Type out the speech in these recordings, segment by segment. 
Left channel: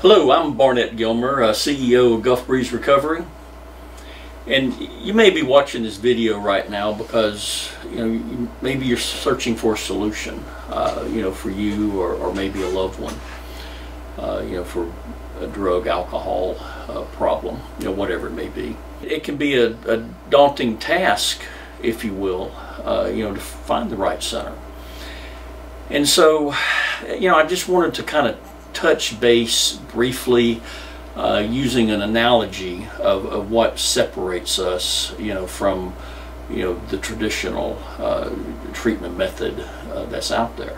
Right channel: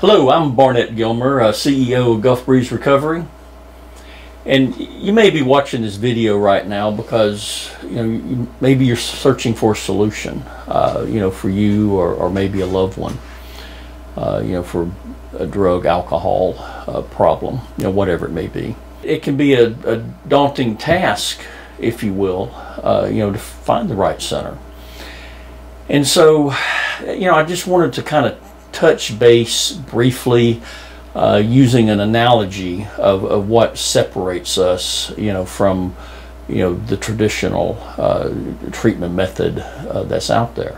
Hello, I'm Barnett Gilmer, CEO of Gulf Breeze Recovery, and you may be watching this video right now because maybe you're searching for a solution, for you or maybe a loved one, for a drug, alcohol problem, whatever it may be. It can be a daunting task, if you will, to find the right center. And so, I just wanted to kind of touch base briefly using an analogy of what separates us from the traditional treatment method that's out there.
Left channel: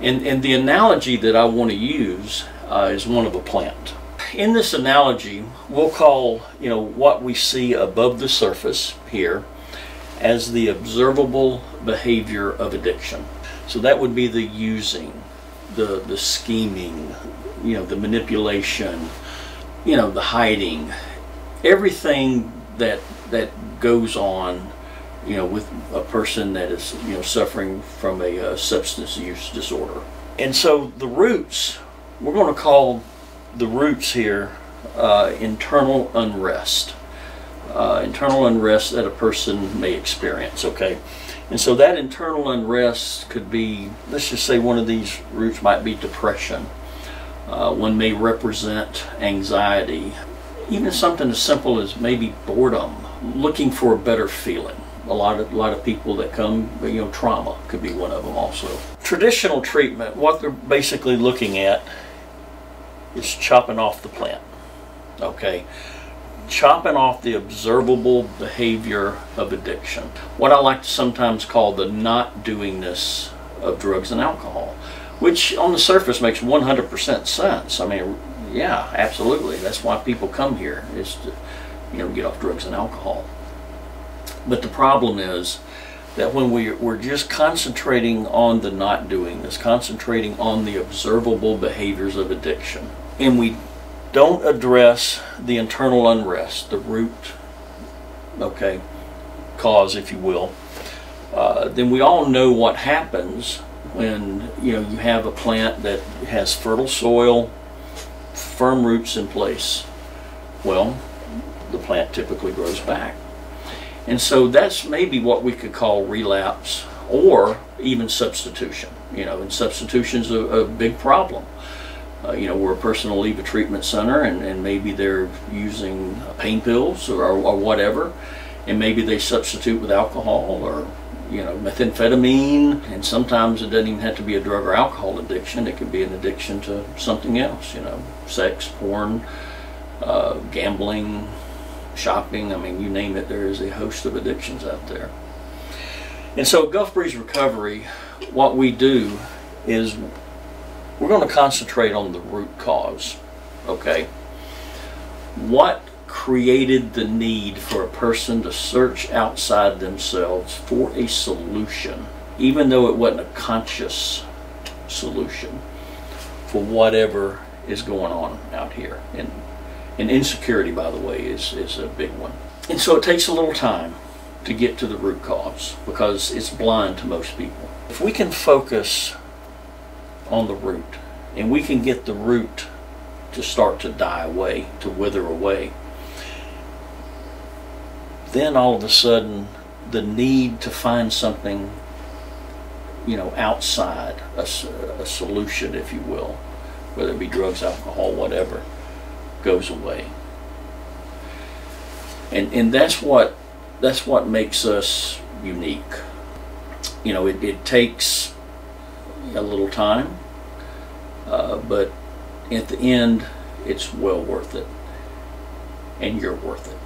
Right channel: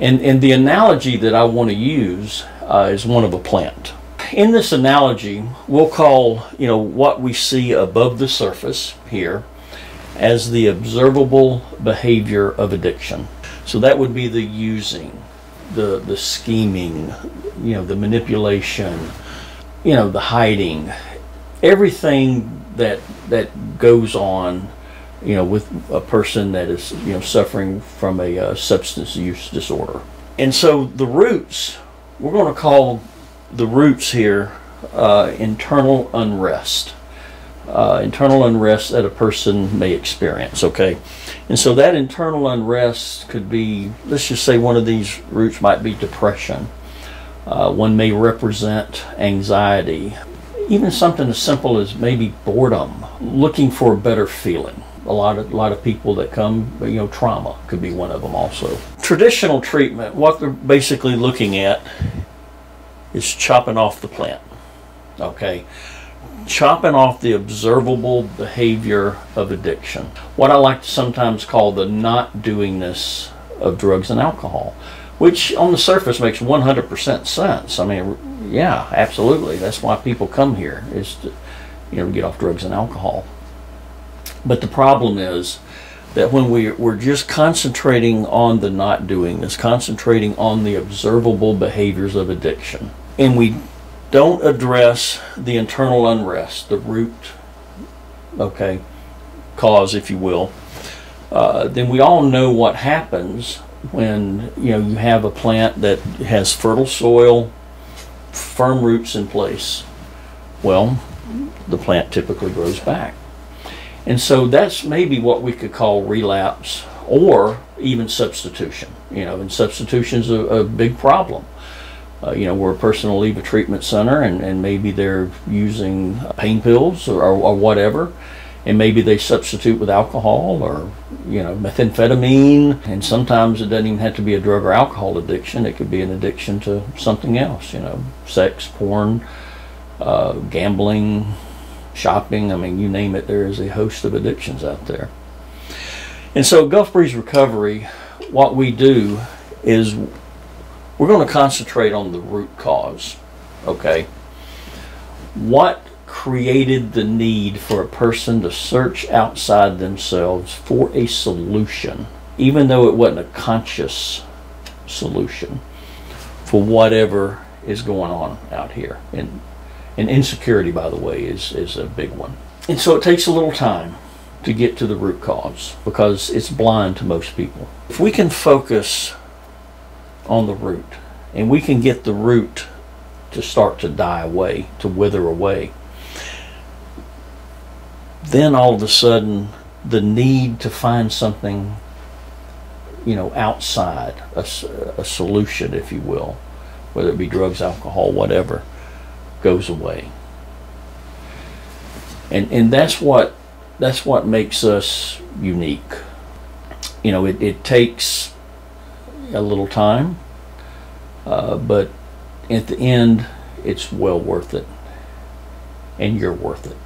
And the analogy that I want to use is one of a plant. In this analogy, we'll call what we see above the surface here as the observable behavior of addiction. So that would be the using, the scheming, the manipulation, the hiding, everything that goes on, with a person that is, suffering from a substance use disorder. And so the roots, we're going to call the roots here internal unrest. Internal unrest that a person may experience, okay? And so that internal unrest could be, let's just say one of these roots might be depression. One may represent anxiety, even something as simple as maybe boredom, looking for a better feeling. A lot of people that come, trauma could be one of them also. Traditional treatment, what they're basically looking at is chopping off the plant, okay? Chopping off the observable behavior of addiction. What I like to sometimes call the not doingness of drugs and alcohol, which on the surface makes 100% sense. I mean, yeah, absolutely. That's why people come here, is to get off drugs and alcohol. But the problem is that when we're just concentrating on the not doingness, concentrating on the observable behaviors of addiction, and we don't address the internal unrest, the root, okay, cause, if you will, then we all know what happens when you have a plant that has fertile soil, firm roots in place. Well, the plant typically grows back. And so that's maybe what we could call relapse or even substitution. And substitution's a big problem. Where a person will leave a treatment center and maybe they're using pain pills or whatever, and maybe they substitute with alcohol or methamphetamine, and sometimes it doesn't even have to be a drug or alcohol addiction. It could be an addiction to something else, sex, porn, gambling, shopping. I mean, you name it, there is a host of addictions out there. And so Gulf Breeze Recovery, what we do is we're going to concentrate on the root cause, okay? What created the need for a person to search outside themselves for a solution, even though it wasn't a conscious solution, for whatever is going on out here? And insecurity, by the way, is a big one. And so it takes a little time to get to the root cause because it's blind to most people. If we can focus on the root, and we can get the root to start to die away, to wither away, then all of a sudden the need to find something outside, a solution, if you will, whether it be drugs, alcohol, whatever, goes away. And that's what makes us unique. It takes a little time, but at the end it's well worth it, and you're worth it.